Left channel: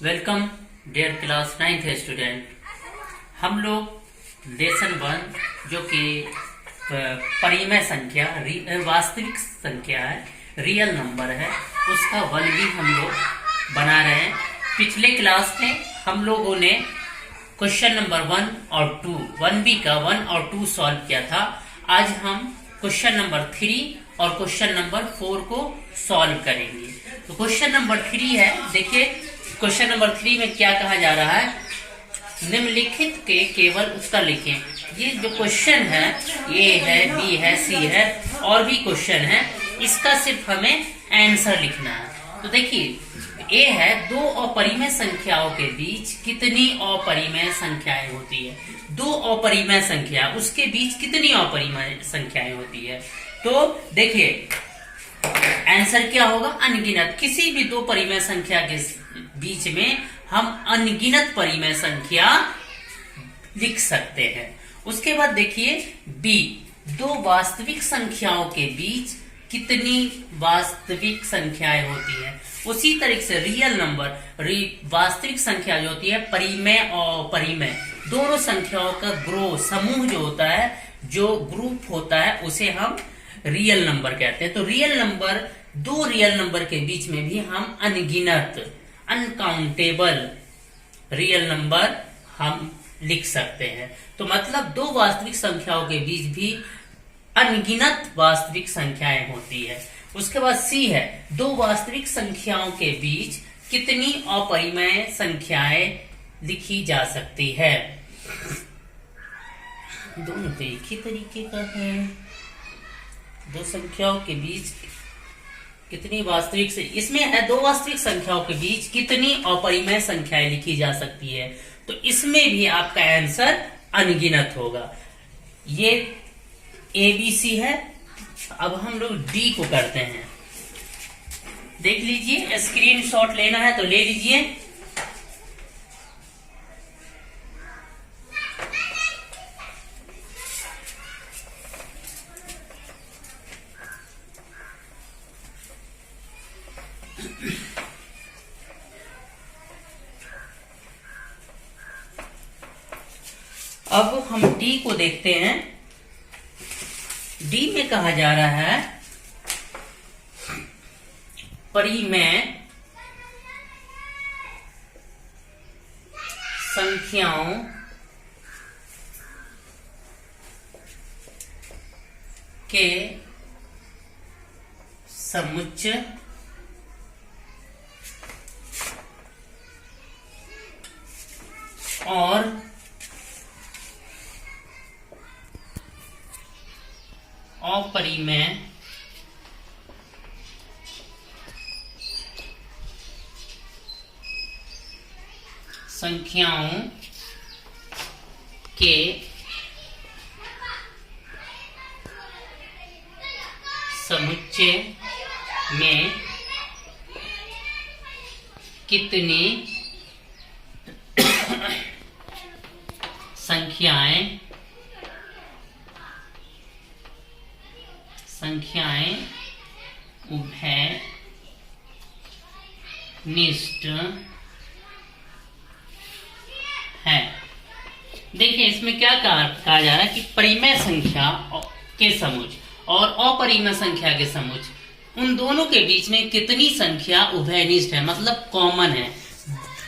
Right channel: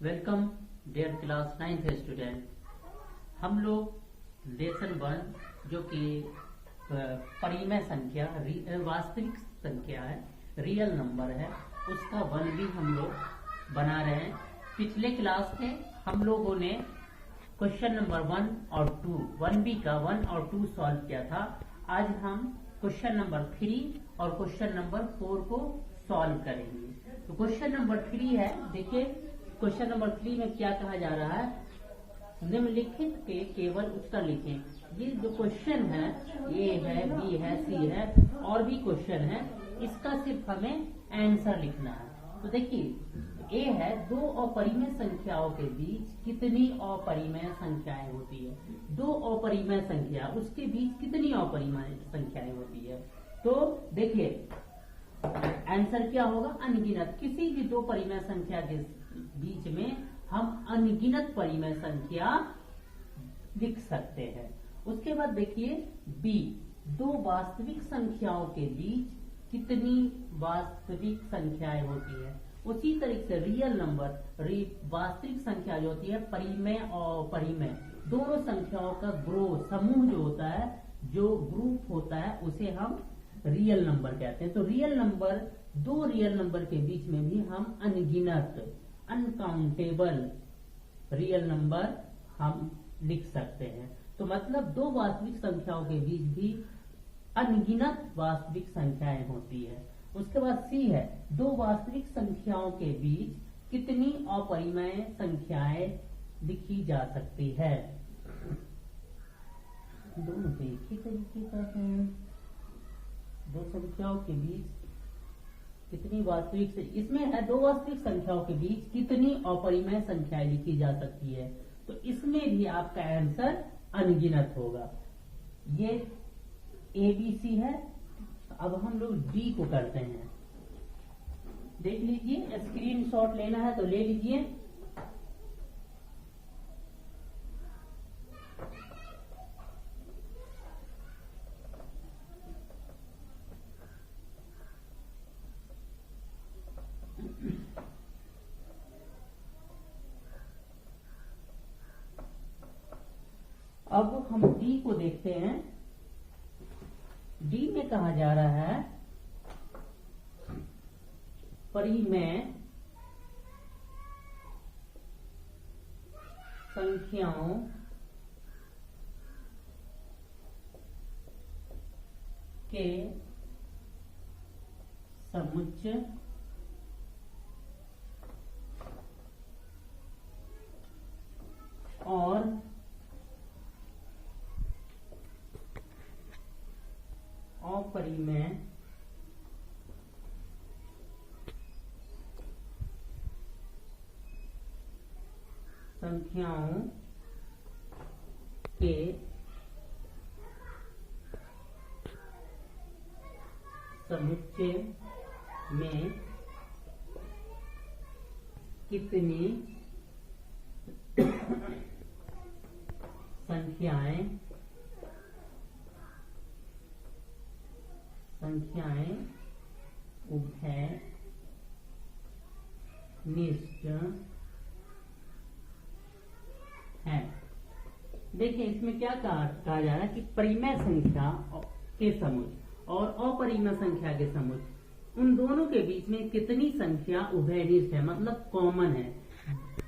Welcome dear class 9th student. हम लोग lesson 1 जो कि परिमेय संख्या वास्तविक संख्या है, रियल नंबर है, उसका 1B हम लोग बना रहे हैं। पिछले क्लास में हम लोगों ने क्वेश्चन नंबर 1 और 2 1B का 1 और 2 सॉल्व किया था। आज हम क्वेश्चन नंबर 3 और क्वेश्चन नंबर 4 को सॉल्व करेंगे। तो क्वेश्चन नंबर 3 है, देखिए क्वेश्चन नंबर 3 में क्या कहा जा रहा है, निम्नलिखित के केवल उत्तर लिखें। ये जो क्वेश्चन है ए है, बी है, सी है और भी क्वेश्चन है, इसका सिर्फ हमें आंसर लिखना है। तो देखिए ए है, दो अपरिमेय संख्याओं के बीच कितनी अपरिमेय संख्याएं होती है। दो अपरिमेय संख्या, उसके बीच कितनी अपरिमेय संख्याएं होती है। तो देखिए आंसर क्या होगा, अनगिनत। किसी भी दो परिमेय संख्या के बीच में हम अनगिनत परिमेय संख्या लिख सकते हैं। उसके बाद देखिए बी, दो वास्तविक संख्याओं के बीच कितनी वास्तविक संख्याएं होती है। उसी तरीके से रियल नंबर, वास्तविक संख्या जो होती है, परिमेय और अपरिमेय दोनों संख्याओं का समूह जो होता है, जो ग्रुप होता है, उसे हम रियल नंबर कहते हैं। तो रियल नंबर, दो रियल नंबर के बीच में भी हम अनगिनत, अनकाउंटेबल रियल नंबर हम लिख सकते हैं। तो मतलब दो वास्तविक संख्याओं के बीच भी अनगिनत वास्तविक संख्याएं होती है। उसके बाद सी है, दो वास्तविक संख्याओं के बीच कितनी अपरिमेय संख्याएं लिखी जा सकती है। दोनों तो एक ही तरीके का है। दो संख्याओं के बीच कितनी वास्तविक से, इसमें है दो वास्तविक संख्याओं के बीच कितनी अपरिमेय संख्याएं लिखी जा सकती है। तो इसमें भी आपका आंसर अनगिनत होगा। ये ABC है। अब हम लोग D को करते हैं। देख लीजिए, स्क्रीनशॉट लेना है तो ले लीजिए। अब हम D को देखते हैं। D में कहा जा रहा है परिमेय संख्याओं के समुच्चय और अपरिमेय संख्याओं के समुच्चय में कितनी संख्याएं उभयनिष्ठ है। देखिए इसमें क्या कहा जा रहा है कि परिमेय संख्या के समुच्चय और अपरिमेय संख्या के समुच्चय, उन दोनों के बीच में कितनी संख्या उभयनिष्ठ है, मतलब कॉमन है।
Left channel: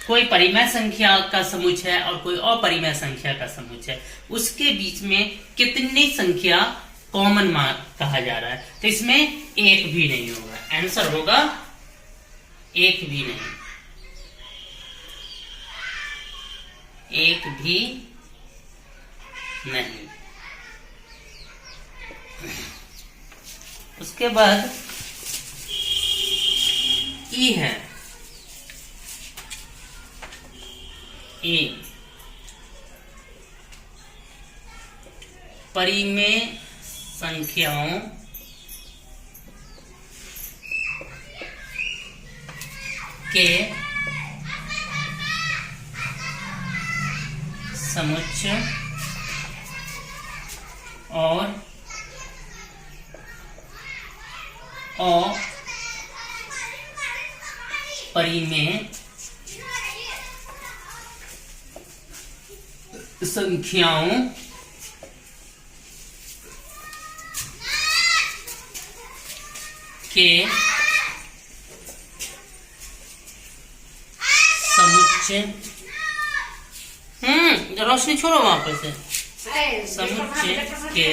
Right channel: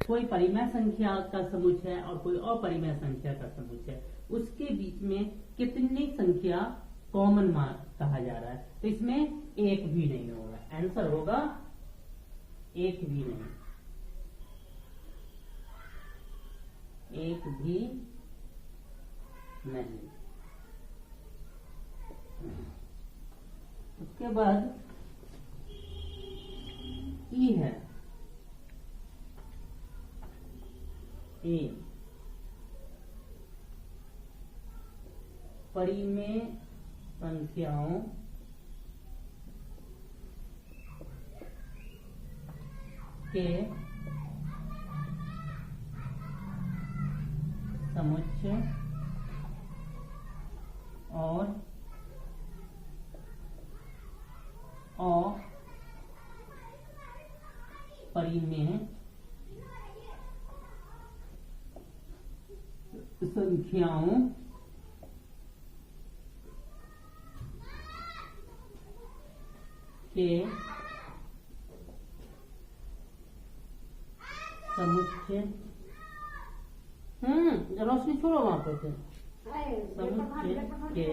कोई परिमेय संख्या का समुच्चय है और कोई अपरिमेय संख्या का समुच्चय है, उसके बीच में कितनी संख्या कॉमन कहा जा रहा है। तो इसमें एक भी नहीं होगा, आंसर होगा एक भी नहीं, एक भी नहीं। उसके बाद ई है, ए परिमेय संख्याओं के समुच्चय और अपरिमेय संख्याओं के समुच्चय, रोशनी छोड़ो वहां पर से, समुच्चय के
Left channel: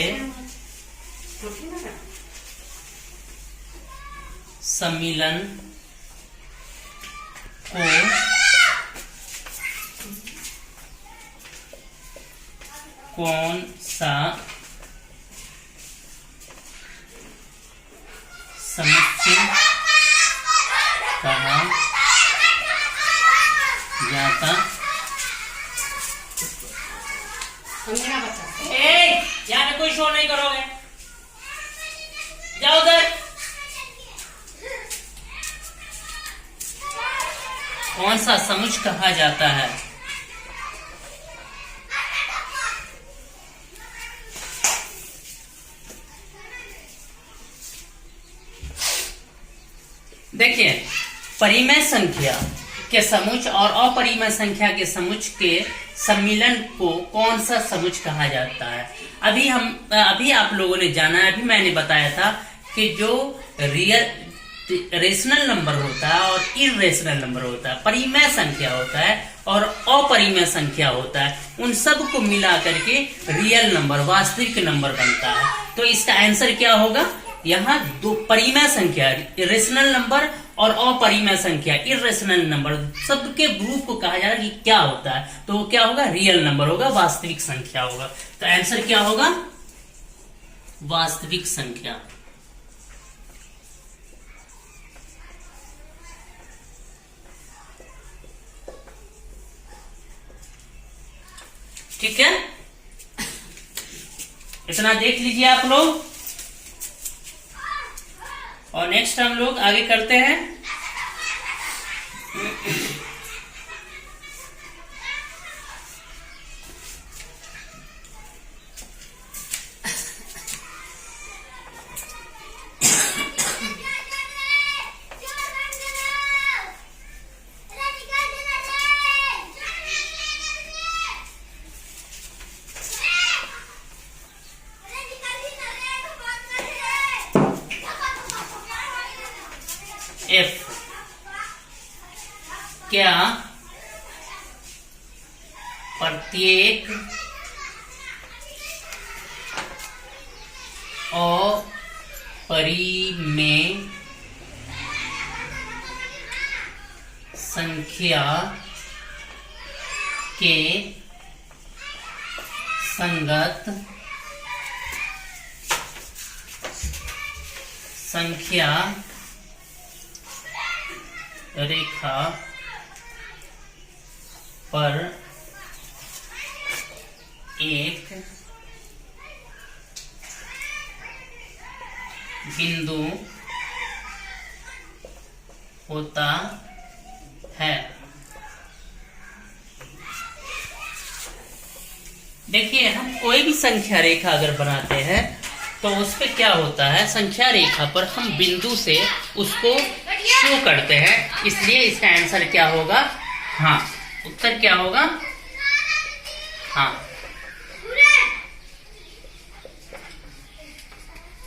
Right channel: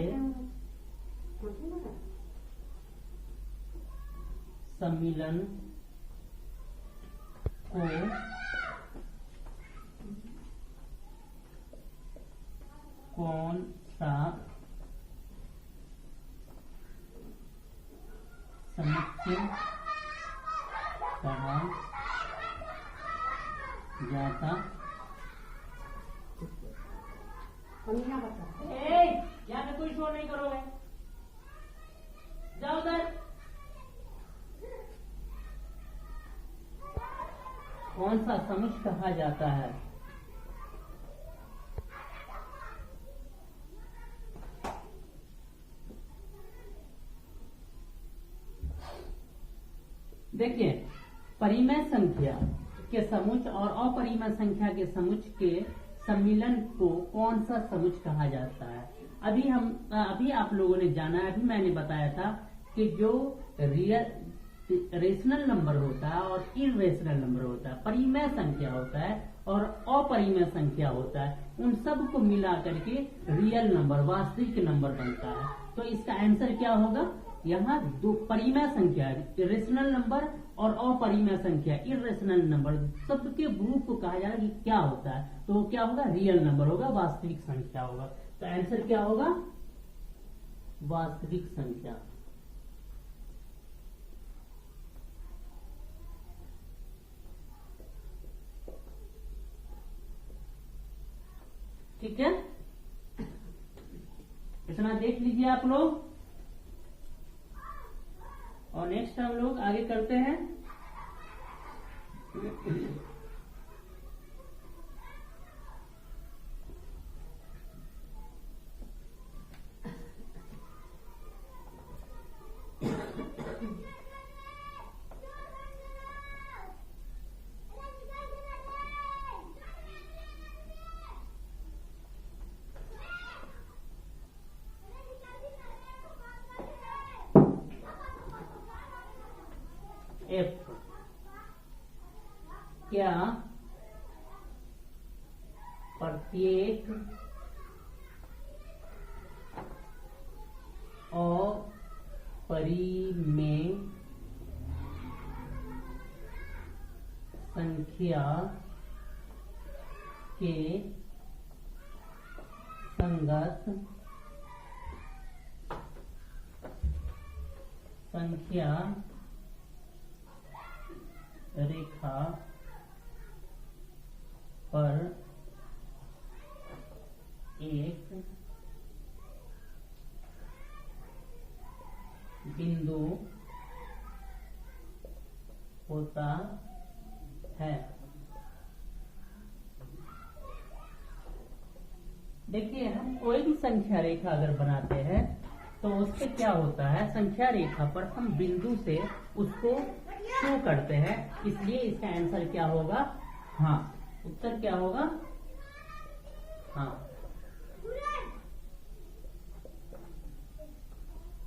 सम्मिलन को कौन सा समुच्चय कहा जाता? यहाँ पे कोई शो नहीं करोगे, जाओ उधर। कौन सा समुच्चय कहा जाता है? देखिए, परिमेय संख्या के समुच्चय और अपरिमेय संख्या के समुच्चय के सम्मिलन को कौन सा समुच्चय कहा जाता है? अभी आप लोगों ने जाना है, अभी मैंने बताया था कि जो रेशनल नंबर होता है और इरेशनल नंबर होता है, परिमेय संख्या होता है और अपरिमेय संख्या होता है, उन सब को मिला करके रियल नंबर, वास्तविक नंबर बनता है। तो इसका आंसर क्या होगा? यहाँ दो परिमेय संख्या रेशनल नंबर और अपरिमेय संख्या इरेशनल नंबर सबके ग्रुप को कहा जा रहा है कि क्या होता है, तो वो क्या होगा? रियल नंबर होगा, वास्तविक संख्या होगा। तो आंसर क्या होगा? वास्तविक संख्या। ठीक है, इतना देख लीजिए आप लोग, और नेक्स्ट हम लोग आगे करते हैं। F क्या प्रत्येक अपरिमेय संख्या के संगत संख्या रेखा पर एक बिंदु होता है। देखिए, हम कोई भी संख्या रेखा अगर बनाते हैं तो उस पे क्या होता है, संख्या रेखा पर हम बिंदु से उसको शो करते हैं, इसलिए इसका आंसर क्या होगा? हाँ, उत्तर क्या होगा? हाँ।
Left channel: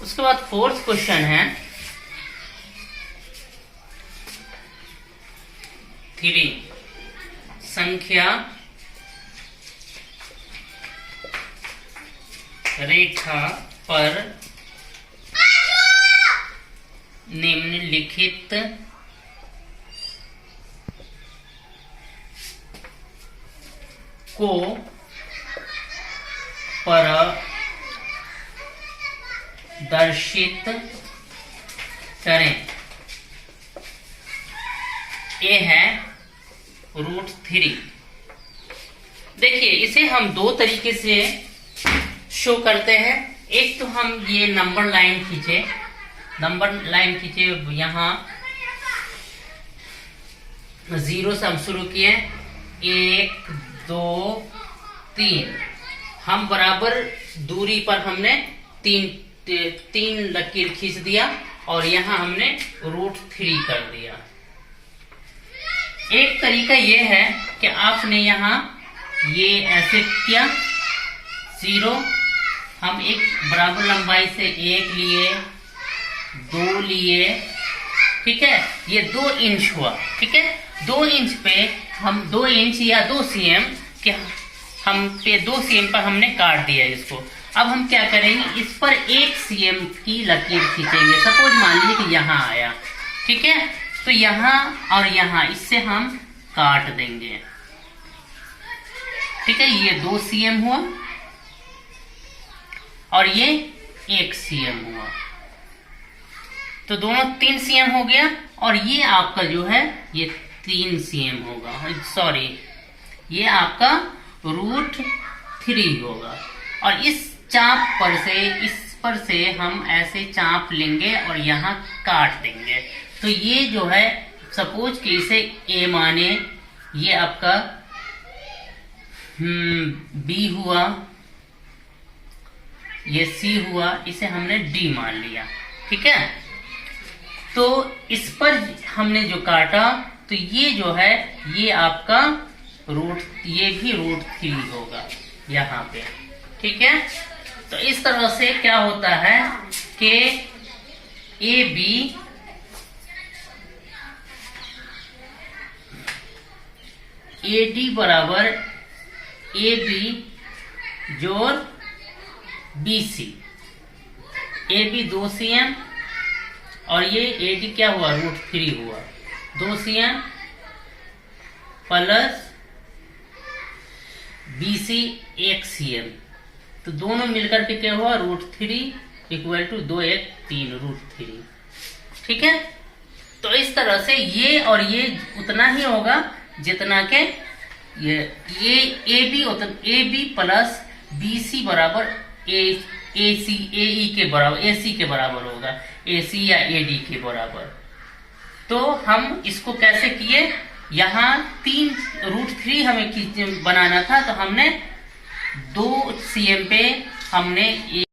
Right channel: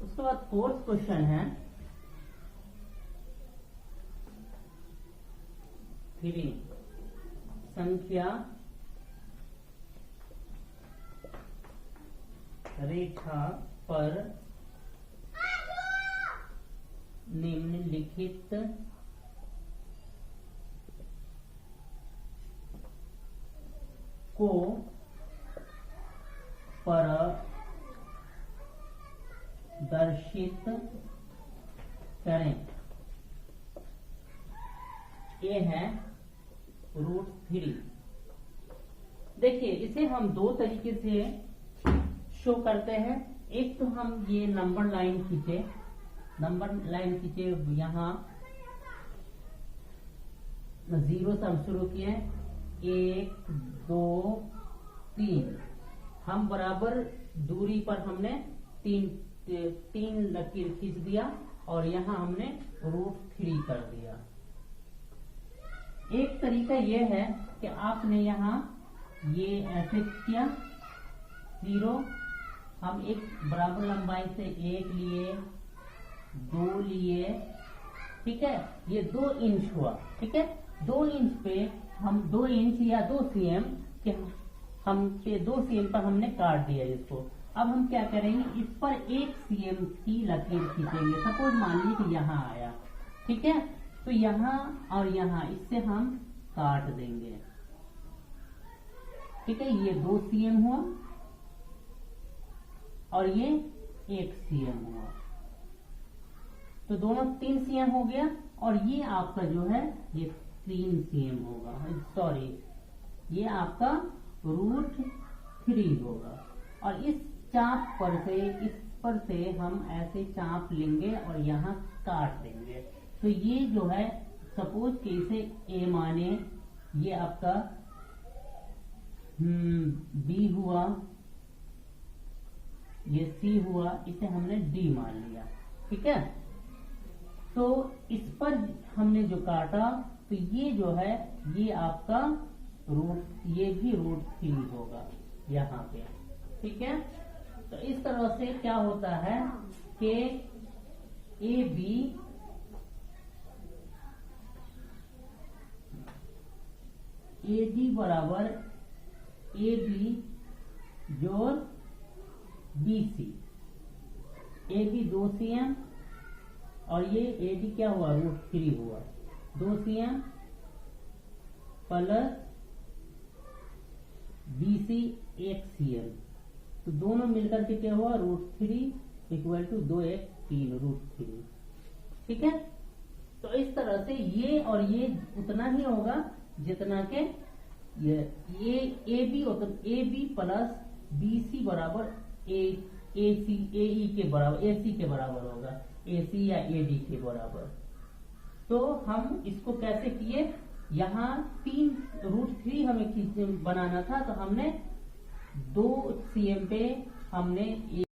उसके बाद फोर्थ क्वेश्चन है 3 संख्या रेखा पर निम्नलिखित को प्रदर्शित करें। ये है √3। देखिए, इसे हम दो तरीके से शो करते हैं। एक तो हम ये नंबर लाइन खींचे, यहाँ 0 से हम शुरू किए, 1 2 3, हम बराबर दूरी पर हमने तीन लकीर खींच दिया और यहाँ हमने √3 कर दिया। एक तरीका यह है कि आपने यहाँ ये ऐसे किया 0, हम एक बराबर लंबाई से 1 लिए, 2 लिए, ठीक है, ये 2 इंच हुआ, ठीक है। 2 इंच पे हम 2 इंच या 2 cm के हम पे 2 cm पर हमने काट दिया इसको। अब हम क्या करेंगे, इस पर 1 cm की लकीर खींचेंगे। सपोज मान लीजिए कि यहाँ आया, ठीक है, तो यहाँ और यहाँ इससे हम काट देंगे, ठीक है। ये 2 cm हुआ और ये 1 cm हुआ, तो दोनों 3 cm हो गया। और ये आपका जो है ये 3 cm होगा, सॉरी ये आपका √3 होगा। और इस चाप पर से, इस पर से हम ऐसे चाप लेंगे और यहाँ काट देंगे। तो ये जो है सपोज कि इसे A माने, ये आपका B हुआ, ये C हुआ, इसे हमने D मान लिया, ठीक है। तो इस पर हमने जो काटा, तो ये जो है ये आपका ये भी √3 होगा यहाँ पे, ठीक है। तो इस तरह से क्या होता है कि AD बराबर AB जोड़ BC। AB 2 cm और ये AD क्या हुआ, √3 हुआ, 2 cm प्लस BC 1 cm, तो दोनों मिलकर के क्या हुआ, √3 इक्वल टू 2 1 3 √3, ठीक है। तो इस तरह से ये और ये उतना ही होगा जितना के ये AB प्लस BC बराबर AE के बराबर, AC के बराबर होगा, AC या AD के बराबर। तो हम इसको कैसे किए, यहाँ 3 √3 हमें बनाना था, तो हमने 2 cm पे हमने